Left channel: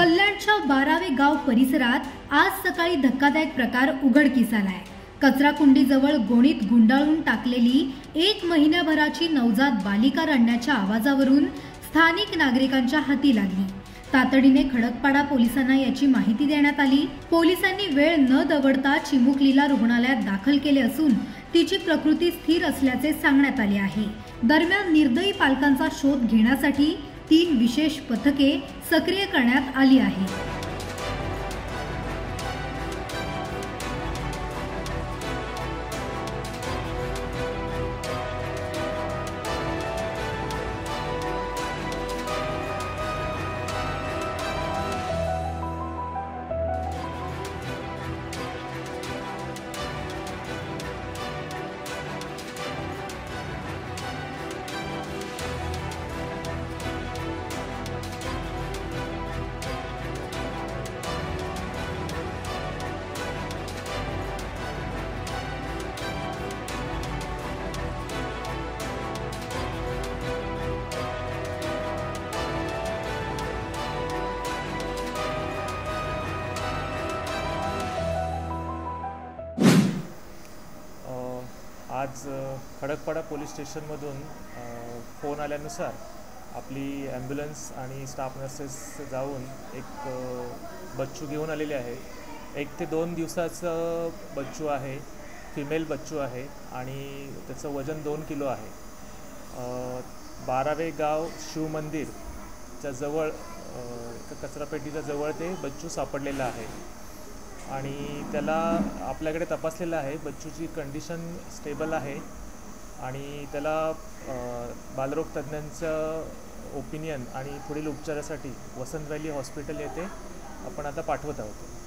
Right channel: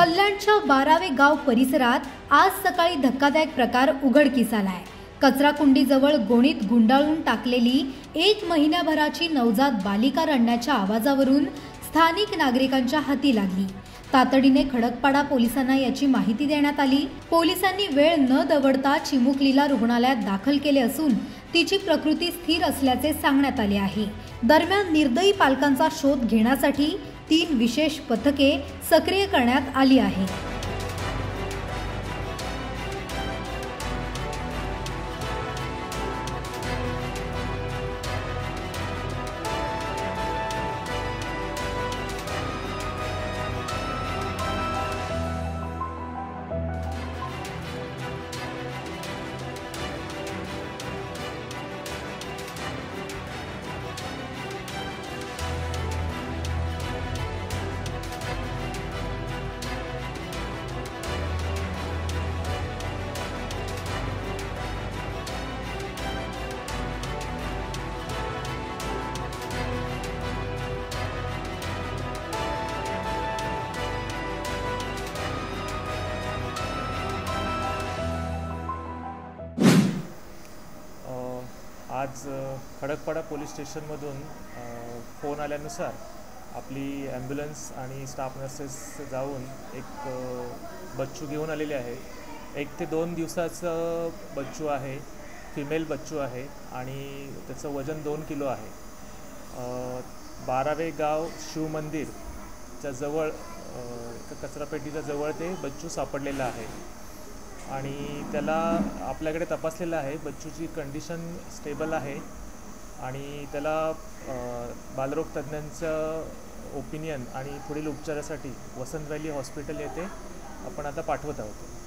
कल्याणच्या 12वे गाव परिसरात आज सकाळी धक्कादायक प्रकार उघडकीस आलाय। कचराकुंडीजवळ गोणीत गुंडाळून टाकलेली 1 महिन्याभराची नवजात बालिका रडण्याच्या आवाजावरून स्थानिक नागरिकांच्या हाती लागली। तातडीने खडकपाडा पोलिसांना याची माहिती देण्यात आली। पोलिसांनी वेळ न दवडता चिमुकलीला रुग्णालयात दाखल केले असून तिची प्रकृती स्थिर असल्याचे सांगण्यात आले आहे। दरम्यान निर्दयी पालकांचा शोध घेण्यासाठी 3 विशेष पथके सक्रिय करण्यात आली आहेत। आज खडकपाडा पोलीस स्टेशनमधून फोन आल्यानुसार आपली ॲम्ब्युलन्स आणि स्टाफ नर्सेस जाऊन एक बच्चू घेऊन आलेले आहे। 1 ते 2 दिवसाचं बच्चू आहे, फिमेल बच्चू आहे आणि त्याचं वजन 2 किलो आहे। 12वे गाव शिव मंदिरच्या जवळ कचरापेटीच्या जवळ ते बच्चू सापडलेलं आहे आणि त्याला आपल्याकडे तपासलेलं आहे। बच्चूची कंडिशन स्टेबल आहे आणि त्याला बालरोग तज्ज्ञांचं ओपिनियन आणि पुढील उपचारासाठी वसंत व्हॅली हॉस्पिटल येथे आपण आता पाठवत आहोत।